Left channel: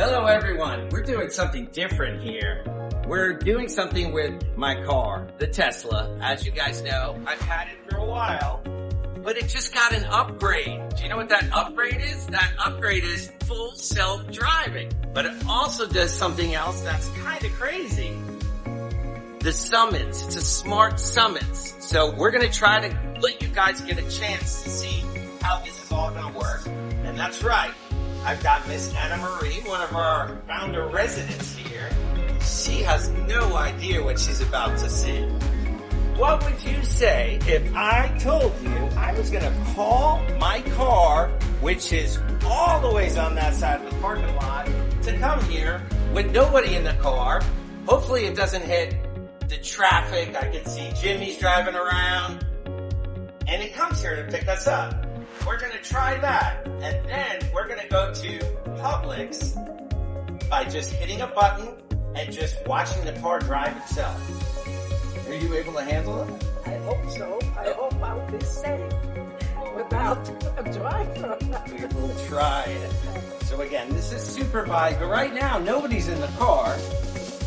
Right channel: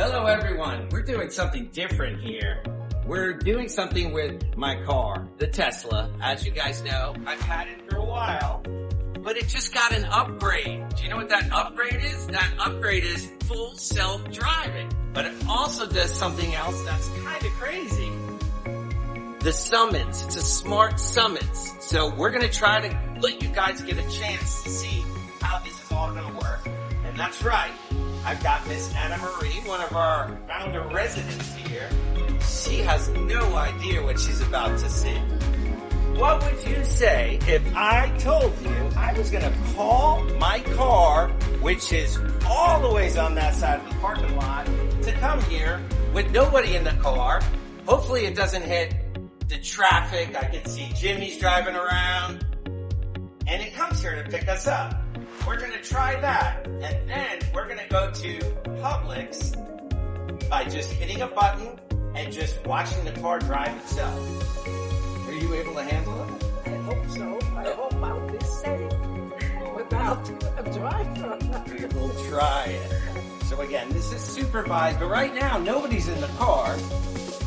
Hello everyone, we're doing something different here. We're doing something with my car, the Tesla. As you guys know, I've had it for a while, but it just got an upgrade. Do you know what that upgrade is? That upgrade is full self-driving, but it also does something else that's kind of crazy. The summons, it's a smart summons. So we're gonna try to let you guys get a chance to see how this is all gonna work. And that's right. I've got Miss Anna Marie, one of our founder residents here. She has no idea what she's about to see. What would you say if I told you I was gonna call my car, which is all the ways on that side of the parking lot, to come here with nobody in the car? Hopefully it doesn't hit the traffic. I can see Jimmy's driving around, and it comes here to pick us up. We're gonna try that, and then we're gonna go to Publix by just hitting a button and just watching the car drive itself. Are you able to handle it? I hope so. I hope I'll be safe without a driver. We will try it. So again, this is supervised, but right now nobody's in the car.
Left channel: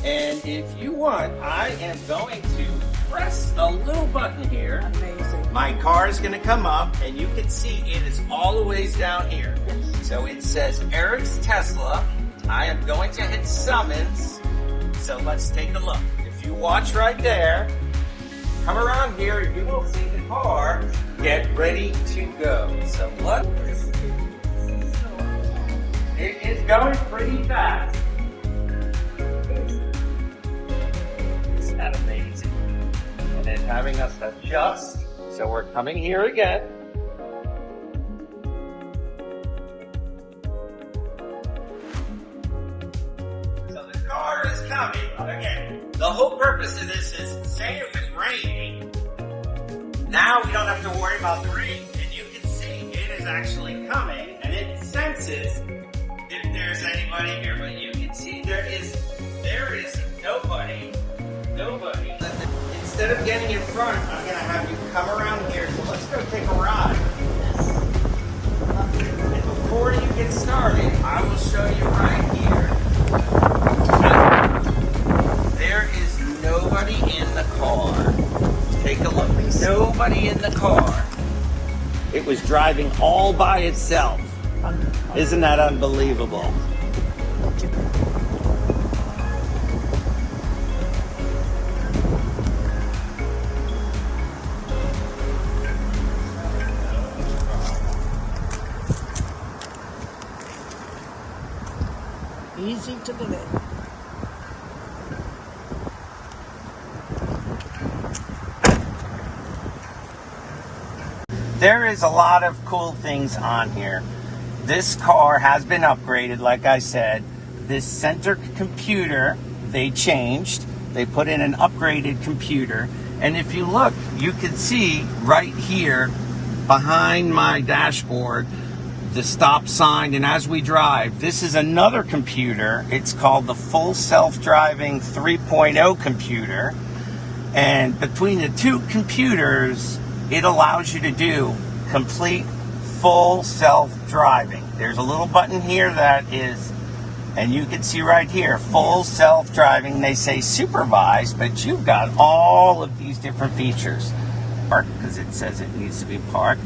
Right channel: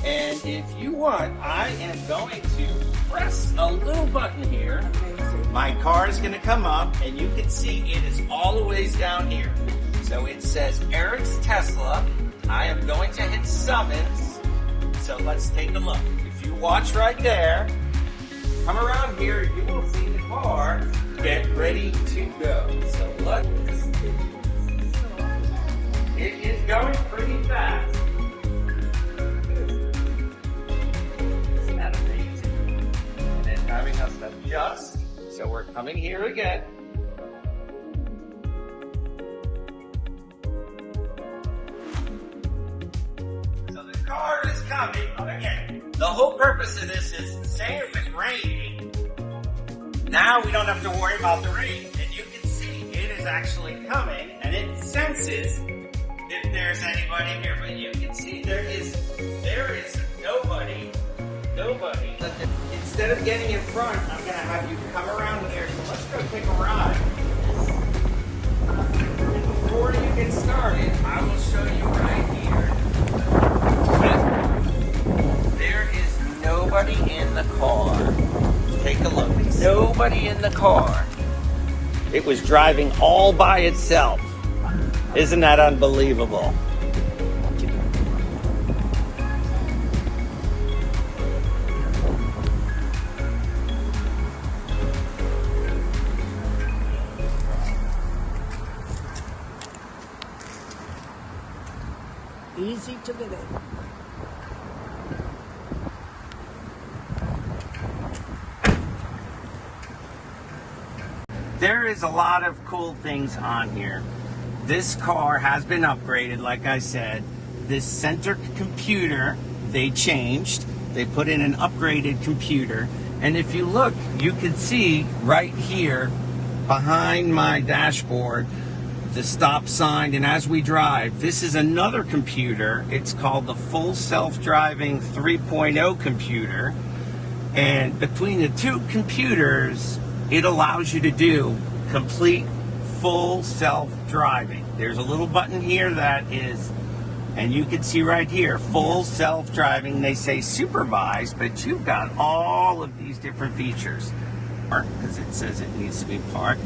And if you want, I am going to press a little button here. Amazing. My car is going to come up, and you can see it is all the ways down here. So it says Eric's Tesla. I am going to hit summons. So let's take a look. If you watch right there, come around here, you will see the car get ready to go. So look, it is going pretty fast. Isn't that amazing? And it's having us adjust. So we're coming here again. So the car is coming. Again, the whole purpose of this is, say if it's raining, now we don't have to worry about the rain. And you can see it is actually coming, and it senses if there's anybody here. But you can see there is nobody. Instead of getting in front, I'm going to have you come around here. So let's go take a ride. And before you get started, I will show you right here. There is nobody in the car. Take a look. Nobody in the car. It was driving all by itself. Isn't that unbelievable? Easy to live. There is a lot of cool things on here. This car has been upgraded, like I said. This center computer, they changed. They put in an upgraded computer. And if you look, you can see right here behind my dashboard, the stop sign, and as we drive, this is another computer. It's called the Full Self-Driving 3.0 computer. And between the two computers, it allows you to do complete full self-driving. There's a little button here that is, and you can see right here, full self-driving. They say supervised, but you've got all of these different features. Because it says it needs to be parked.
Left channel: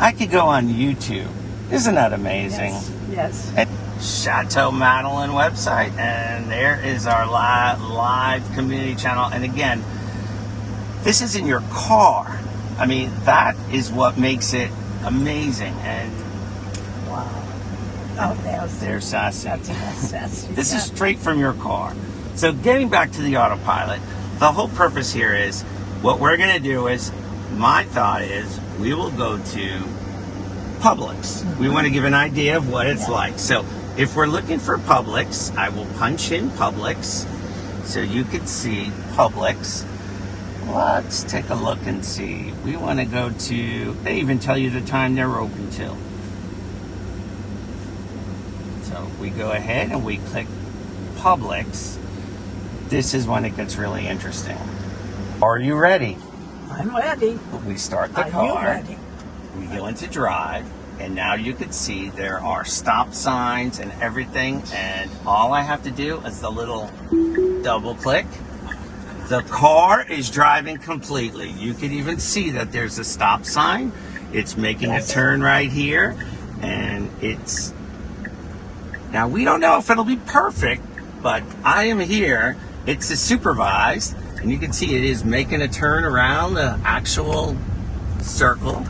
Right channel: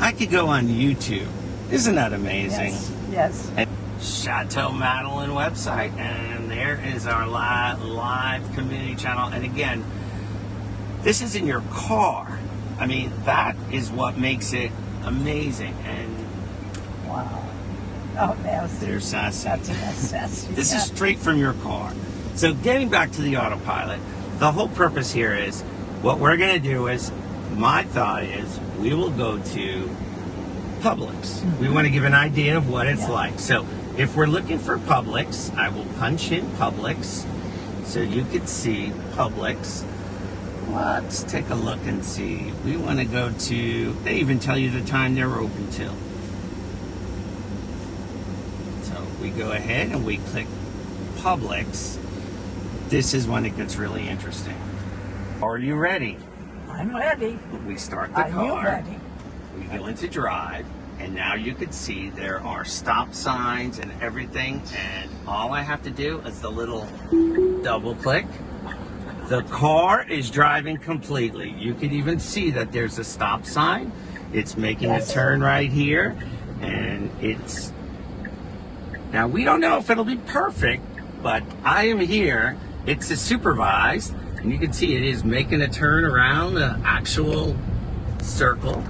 I could go on YouTube. Isn't that amazing? Yes. And Chateau Madeleine website, and there is our live community channel. And again, this is in your car. I mean, that is what makes it amazing. And Wow. Oh, there's Sassy. That's Sassy. This is straight from your car. So getting back to the autopilot, the whole purpose here is, what we're going to do is, my thought is, we will go to Publix. We want to give an idea of what it's like. So if we're looking for Publix, I will punch in Publix so you can see Publix. Let's take a look and see. We want to go to, they even tell you the time they're open till. So if we go ahead and we click Publix, this is when it gets really interesting. Are you ready? I'm ready. We start the Are car. you ready? We go into drive. And now you can see there are stop signs and everything. And all I have to do is the little double click. The car is driving completely. You can even see that there's a stop sign. It's making a turn right here. And it's... Now, we don't know if it'll be perfect, but I am here. It's a supervised. And you can see it is making a turn around the actual circle.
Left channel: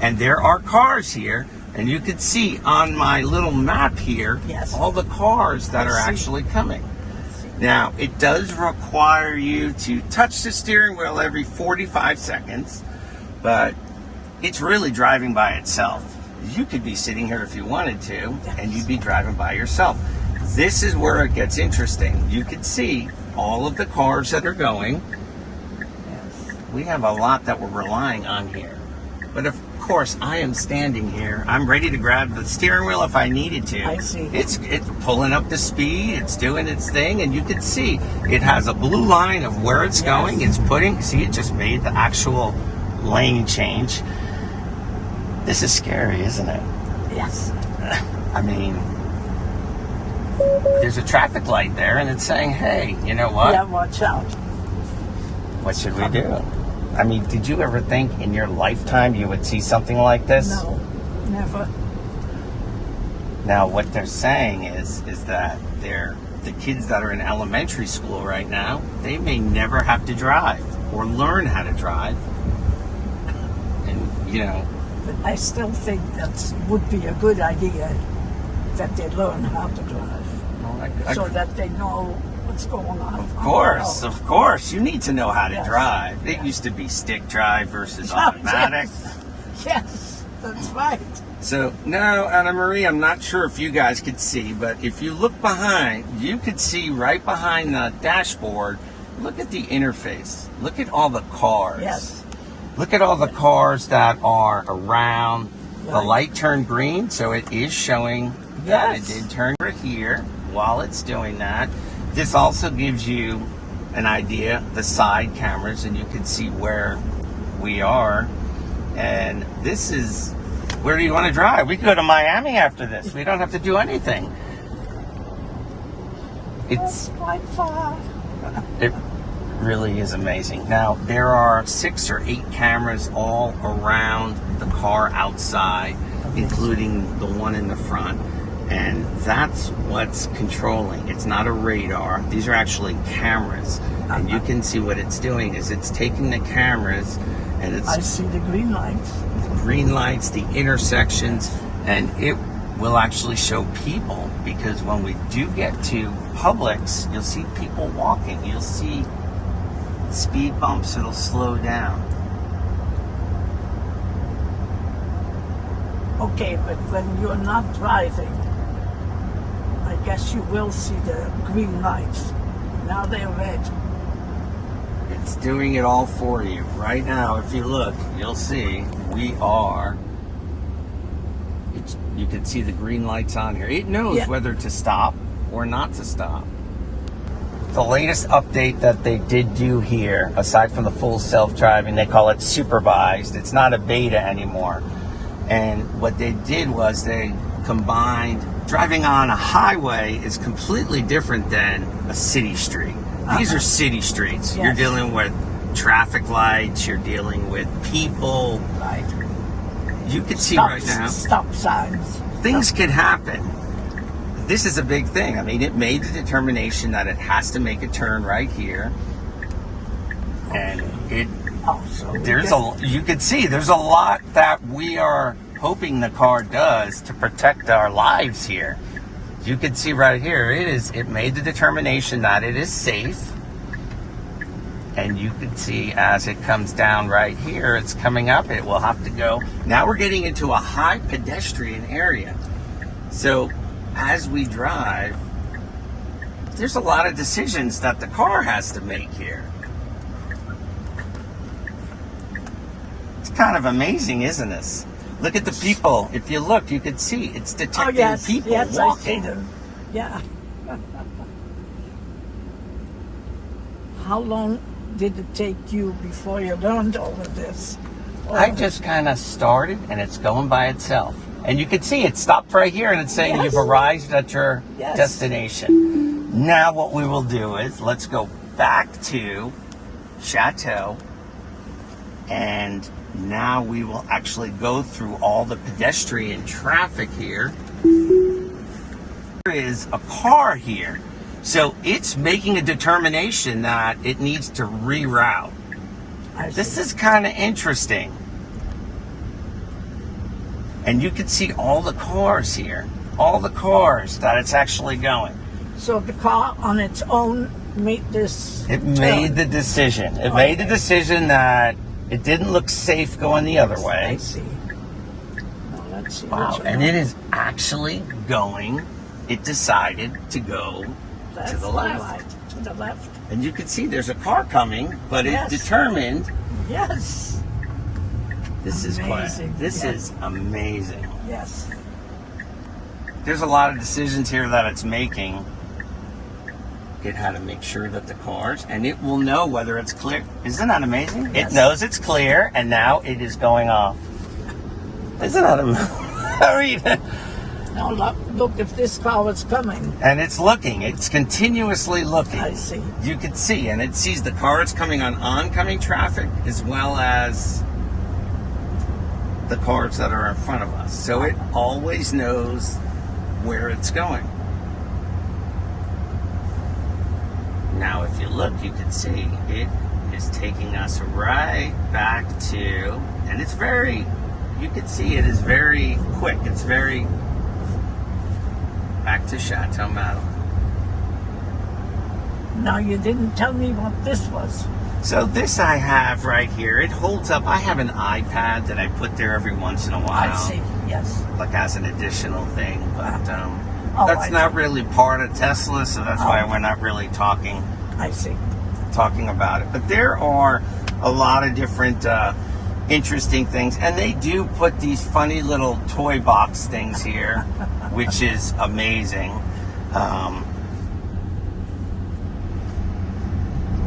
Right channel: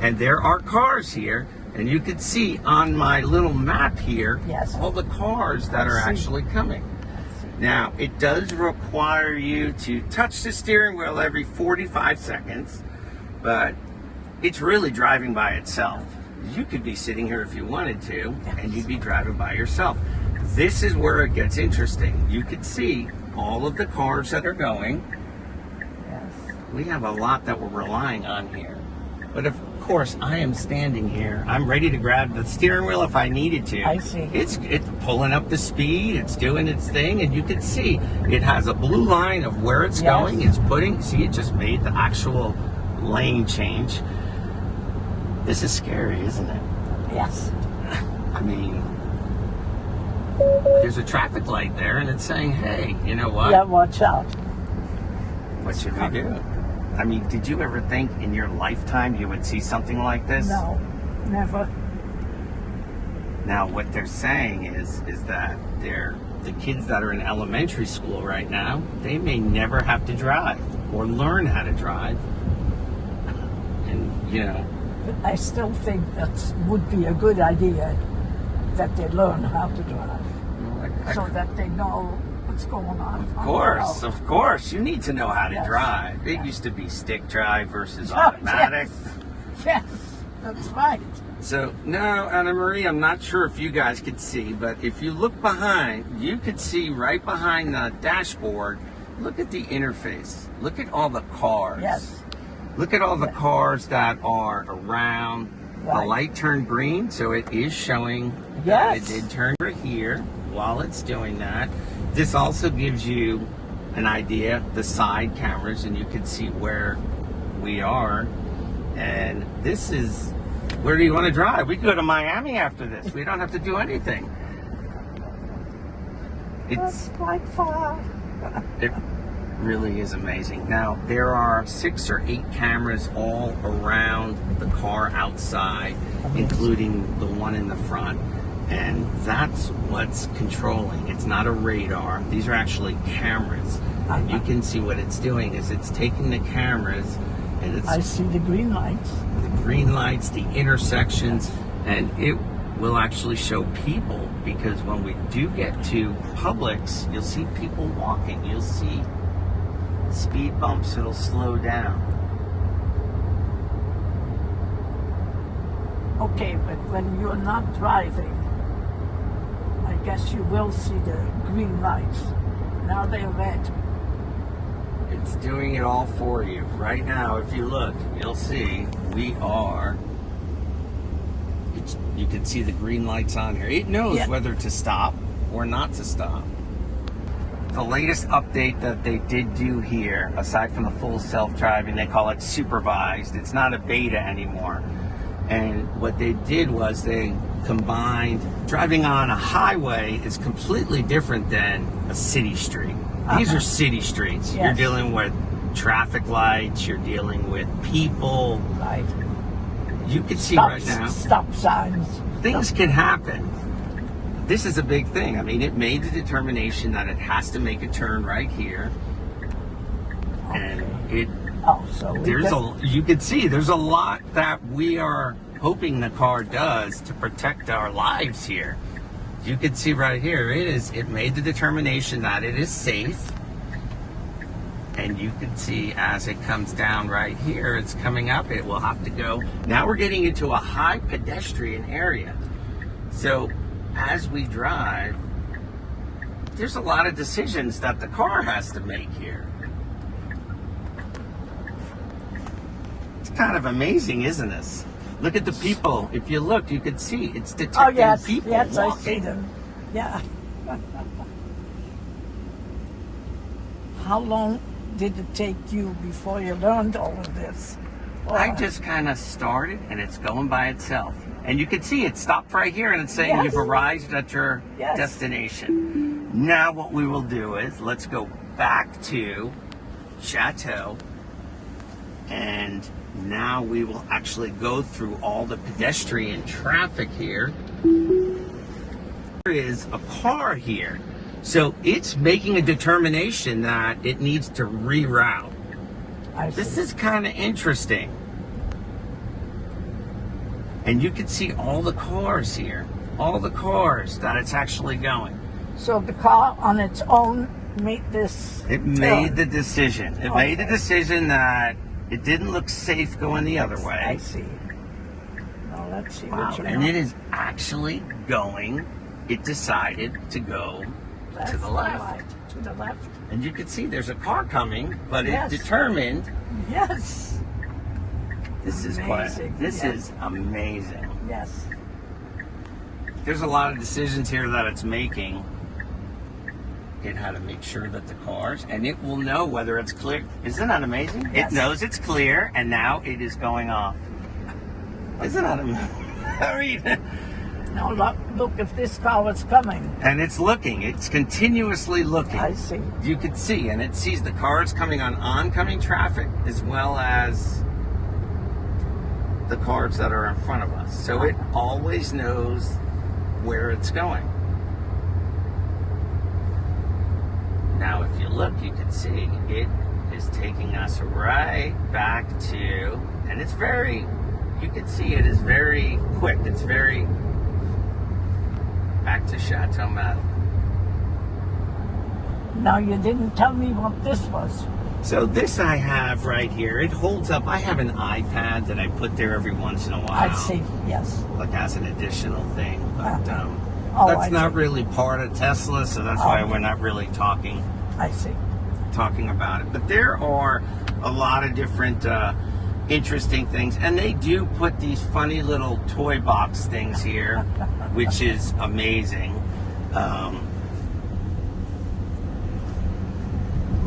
And there are cars here, and you can see on my little map here, all the cars that are actually coming. Now, it does require you to touch the steering wheel every 45 seconds, but it's really driving by itself. You could be sitting here if you wanted to, and you'd be driving by yourself. This is where it gets interesting. You can see all of the cars that are going. We have a lot that we're relying on here. But of course, I am standing here. I'm ready to grab the steering wheel if I needed to. I see. It's pulling up the speed. It's doing its thing, and you can see it has a blue line of where it's going. It's putting. See, it just made the actual lane change. This is scary, isn't it? Yes. I mean, there's a traffic light there, and it's saying, "Hey, you know what? Yeah, watch out." What should we do?" I mean, did you ever think in your lifetime you would see something like this? No, never. Now, what they're saying is that the kids that are in elementary school right now, they may never have to drive or learn how to drive. And, you know. But I still think that would be a good idea that they learn how to drive, so that they know what's going on. Of course. You need to know how to drive. It used to be stick drive versus automatic. Yes, that's right. So, now, Anna Marie, I'm not sure if you guys could see, but if you look behind, you could see right behind the dashboard, look at the interface. Look at all the cars. Yes. Look at all the cars that are around. The light turned green, so it is showing that it did turn over here while it's doing that. This also gives you an idea, the side cameras, and you can see where we are. And this is, where do you want to drive? We can go to Miami after this. We don't have to do anything. It's quite far. It really is amazing. Now, there are 6 or 8 cameras all around the car outside, including the one in the front. And that's what's controlling. It's not a radar. These are actually cameras. And you can see what it's doing is it's taking the cameras and it's... I see the green lights. The green lights, the intersections, and it will actually show people, because when we do get to Publix, you'll see people walking. You'll see speed bumps. It'll slow down. Okay, but when you're not driving, I guess you will see the green lights. Now they're red. It's doing it all for you. Right now, if you look, you'll see we are... you can see the green lights on here. It knows whether to stop or not to stop. The latest update that they did do here, aside from the full self-driving, they call it supervised. It's not a beta anymore. And what they did was they combined, driving on a highway is completely different than a city street. These are city streets. You're dealing with traffic lights, you're dealing with people. Right. You can see right now. Stop signs. Things can happen. This is a big thing. I mean, it made the determination that it has to make a turn right here. And it... you can see there's a lot that we are hoping the car does to protect our lives here. You can see right here, it made the determination that it is safe. And you can see as it comes down right here, it's coming up, it will have to go. Now we're getting into a high pedestrian area. So as we drive, there's a lot of decisions that the car has to make here. It's kind of amazing, isn't this? Look at the people. If you look, you can see it's detecting people walking. I see them. Yeah. How long did it take you before you learned all of this? I just kind of started, and it's going by itself. And you can see it stopped right here and it's saying Yes. you've arrived at your Yes. destination. Now what we will do is let's go back to Chateau, and now we will actually go through all the pedestrian traffic here. There is a car here. So it's making a determination that it needs to reroute. This is kind of interesting. And you can see all the cars here. All the cars that it's actually going. So the car on its own made this It made the decision. It made the decision that it didn't look safe going the other I way. see. Now let's see. Wow. which And one. it is actually going, it decided to go to the left. Right, to the left. And you can see there's a car coming, but Yes. it determined. Yes. This is Amazing, quiet. This yeah. is amazing. Yes. There's a lot of decisions here that it's making. It had to make sure that the cars, and it will know whether it's clear. Isn't that amazing? Yes. It knows it's clear, and now it is going off. Isn't that amazing? I mean, Now look if this car was coming. and it's looking. It's continuously looking. I see. You can see, and it sees the cars coming on oncoming traffic as well as the cars that are in front of us. So it always knows where it's going. Now, if you look, you can see it is taking us right back to, and it's very, you can see it is very quick. It's very back to Chateau Madeleine. Now you didn't tell me what this was. So this I have right here. It holds up. I have an iPad that I put there every once in a while. I see. Yes. Like as an additional thing, but Oh, that's I not really part of Tesla, so that's why we're not really talking I see. about it. But there are a lot of different interesting things, and they do put these funny little toy box things here, which is amazing.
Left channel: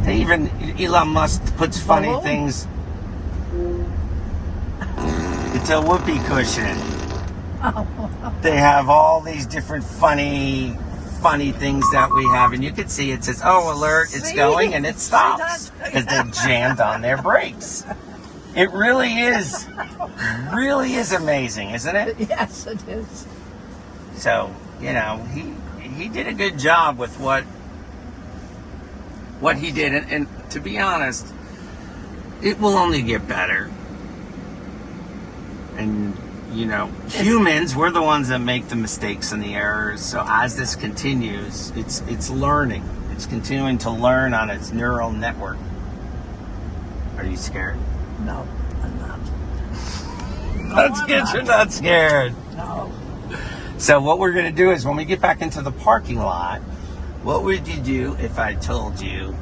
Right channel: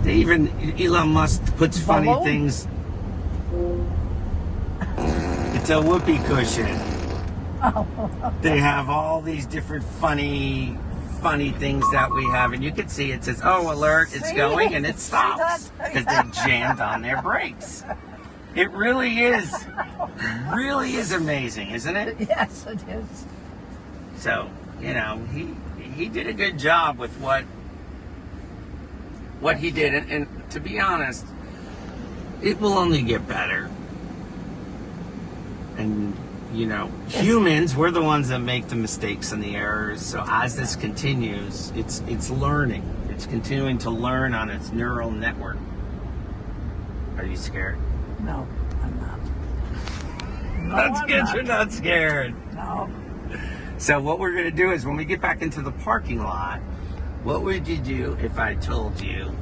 They even, Elon Musk puts funny Hello? things. It's a whoopee cushion. They have all these different funny things that we have, and you can see it says, "Oh, alert! It's See? going," and it See stops that? because they jammed on their brakes. It really is amazing, isn't it? Yes, it is. So you know, he did a good job with what he did, and to be honest, it will only get better. And you know, humans, we're the ones that make the mistakes and the errors. So as this continues, it's learning. It's continuing to learn on its neural network. Are you scared? No, I'm not. No, That's I'm good. not. You're not scared. No. So what we're going to do is when we get back into the parking lot, what would you do if I told you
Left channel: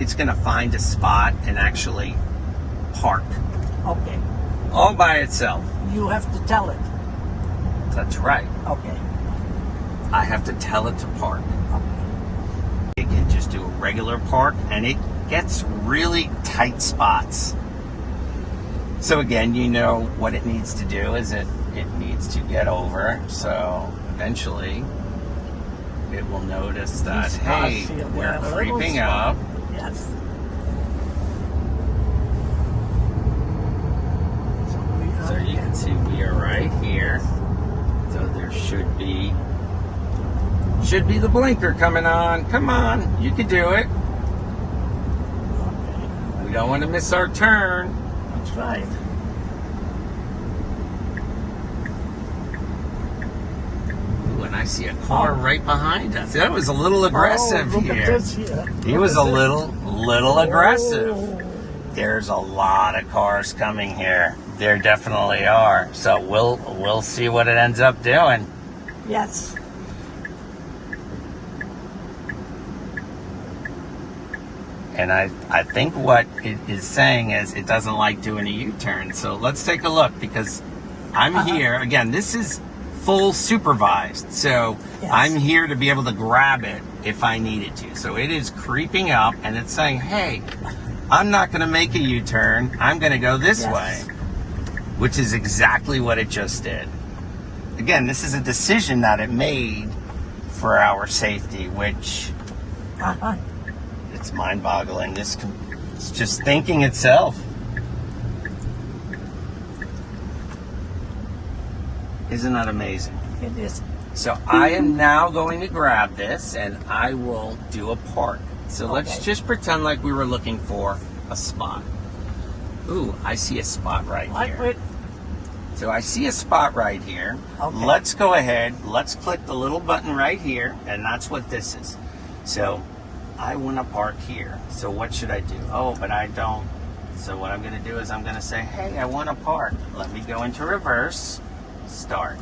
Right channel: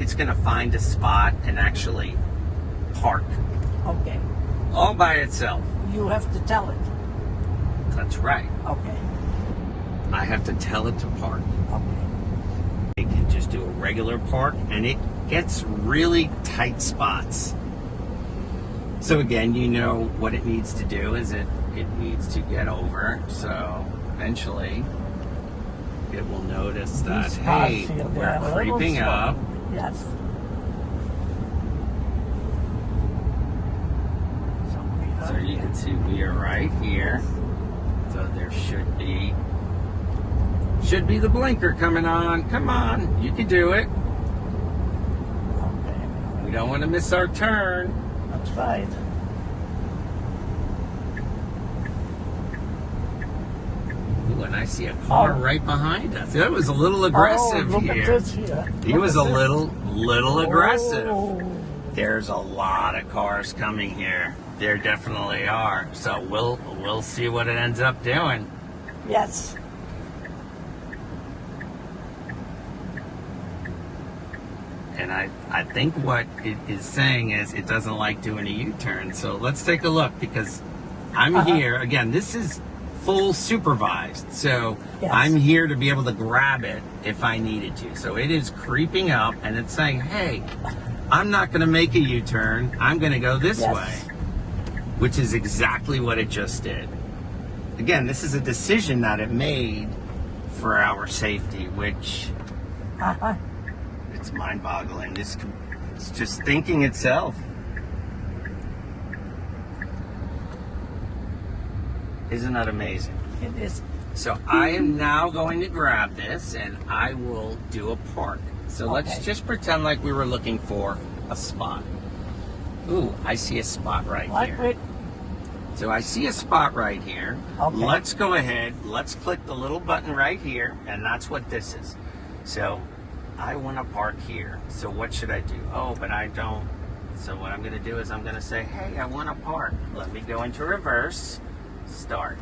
it's going to find a spot and actually park Okay. all by itself? You have to tell it. That's right. Okay. I have to tell it to park. Okay. It can just do a regular park, and it gets really tight spots. So again, you know what it needs to do is it needs to get over. So eventually it will notice that, These hey, cars, we're yeah, creeping also. up. Yes. So you can see we are right here. So there should be the blinker coming on. Come on, you can do it. We don't want to miss our turn. That's right. Ooh, and I see a car right behind us. That was a little aggressive look at here. this here. He was a little aggressive. Oh. There's a lot of cars coming here. There definitely are. So we'll see what it ends up doing. Yes. And I think what it is saying is it doesn't like doing a U-turn. So let's take a look, because I'm here. Again, this is full supervised. So Yes. I'm here to be able to grab it if I needed to. So it is creeping up and it's saying, hey, I'm not going to make a U-turn. I'm going to go this Yes. way, which is exactly what it just did. again, this is a decision that it made for our safety, which it's mind-boggling. It's just thinking itself. Isn't that amazing? It is. So I am now going to grab this and I will do a park. So let's just pretend like we were looking for a spot. Ooh, I see a spot right here. So I see a spot right here. Okay. Let's go ahead. Let's click the little button right here, and that's what this is. So I want to park here. So what should I do? Oh, but I don't. So what I'm going to do is I'm going to say, hey, I want to park. Let me go into reverse. Start.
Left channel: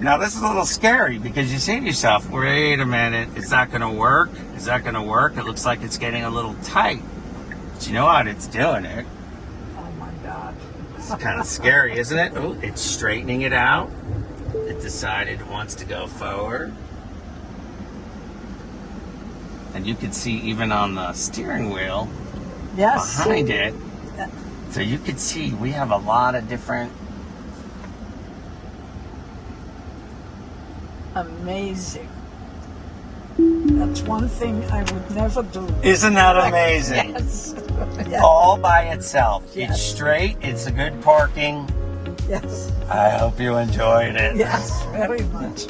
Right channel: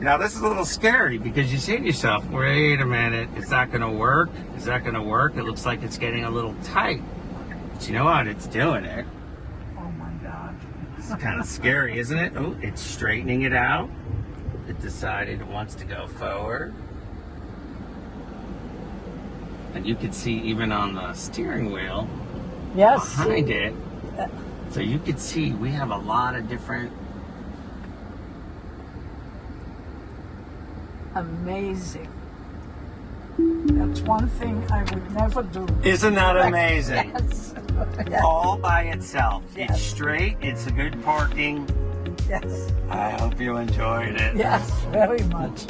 Now this is a little scary because you say to yourself, wait a minute, it's not going to work. Is that going to work? It looks like it's getting a little tight. But you know what? It's doing it. Oh my God. It's kind of scary, isn't it? Oh, it's straightening it out. It decided it wants to go forward. And you can see even on the steering wheel behind it. So you can see we have a lot of different. Amazing. That's one thing I would never do. Isn't that amazing? Yes. Yes. All by itself. Yes. It's straight. It's a good parking. Yes. I hope you enjoyed it. Yes, very much.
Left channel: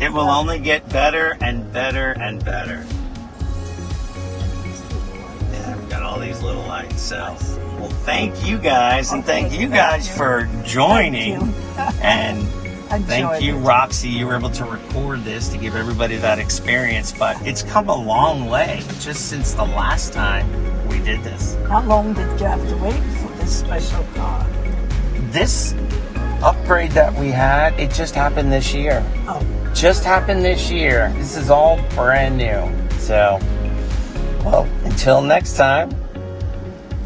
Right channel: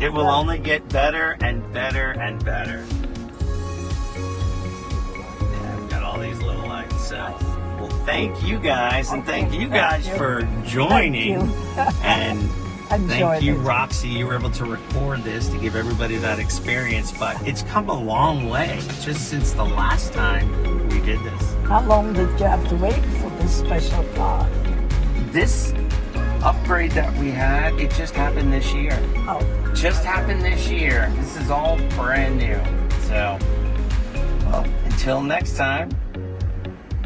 It will only get better and better and better. Yeah, we've got all these little lights. So, well, thank you guys, and thank you guys for joining. And thank you, Roxy. You were able to record this to give everybody that experience, but it's come a long way just since the last time we did this. How long did you have to wait for this special car? This upgrade that we had, it just happened this year. Oh. Just happened this year. This is all brand new. So, well, until next time.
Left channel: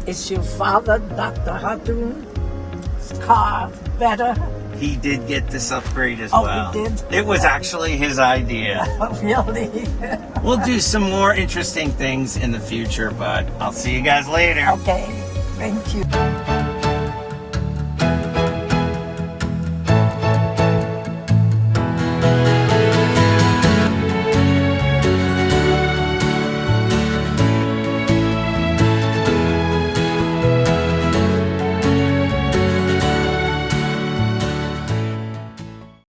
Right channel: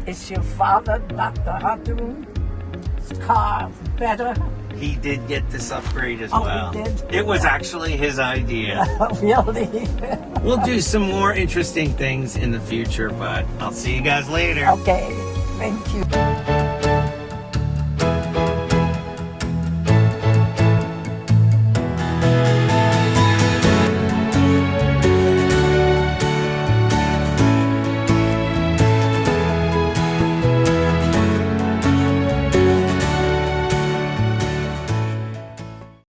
Is your father, Dr. Hardoon's car better? He did get this upgrade as Oh, well. he did? It was actually his idea. Really? We'll do some more interesting things in the future, but I'll see you guys later. Okay, thank you.